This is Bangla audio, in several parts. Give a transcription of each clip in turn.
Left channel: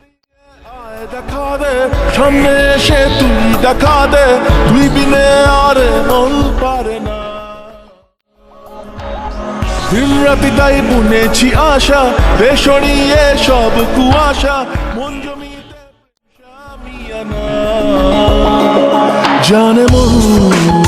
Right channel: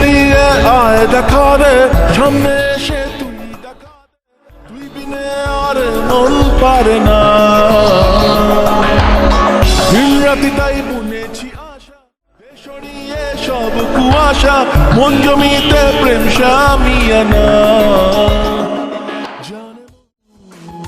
ভিড়ে আয় দেখা দে, সামনে এসে তুই দেখা দে তুই বিনে আর মন পারে না। দিন রাতি তাই বুনেছি আশা বেসরিয়ে সব কুয়াশা, মন জমিতে প্রেম সামিয়ানা। জানে মন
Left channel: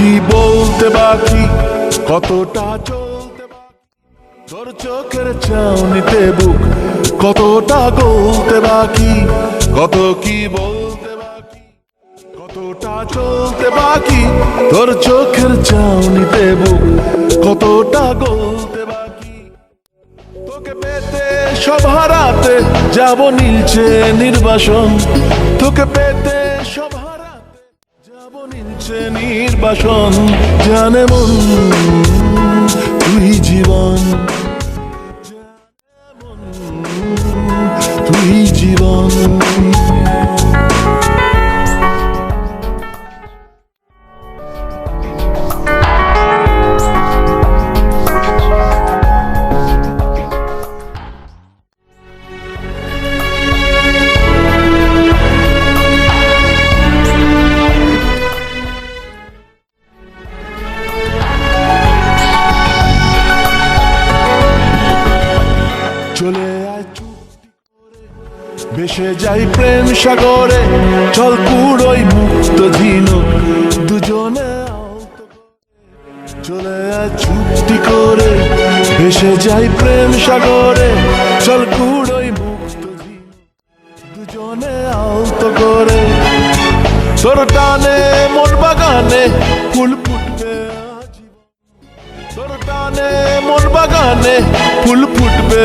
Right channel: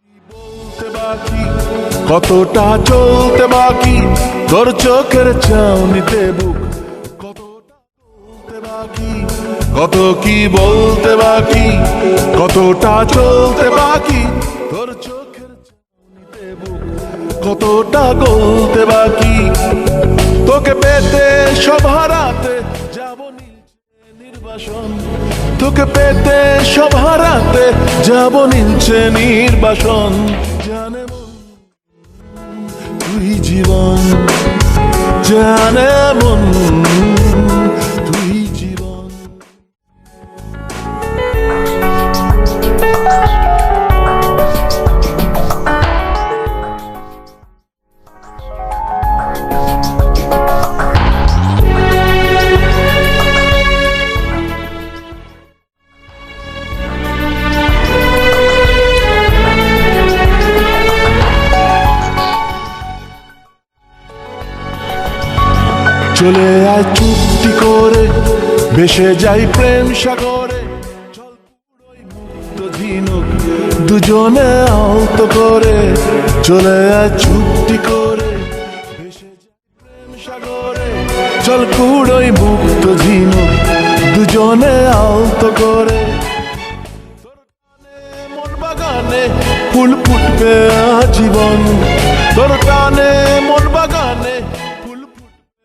কি বলতে বাকি, কতটা চলতে বাকি? তোর চোখের চাউনিতে বুক, কতটা গলতে বাকি? কত কি বলতে বাকি? কতটা চলতে বাকি? তোর চোখের চাউনিতে বুক, কতটা গলতে বাকি সব হারাতে যাব নীলছে নির্বাসন। তোকে পেতে সব হারাতে যাব নীলছে নির্বাসন। জানে মন, তুই জীবন, জানে চলে আয় চুক্তি করে, বেসে যাই প্রেম সাগরে। চল পুরোই মুক্ত ঝিনুক দুজনে আহত করে। চলে আয় চুক্তি করে ভেসে যাই প্রেম সাগরে। চল কুড়োই মুক্ত ঝিনুক দুজনে আহত করে। তোর টানে মন বাগানে ফুল ফুটবে আজীবন। তোর টানে মন বাগানে ফুল ফুটবে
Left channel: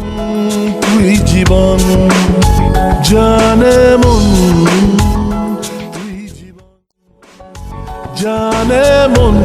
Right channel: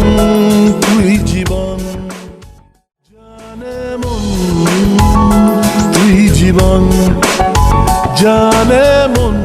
তুই জীবন জানে মন তুই জীবন জানে মন।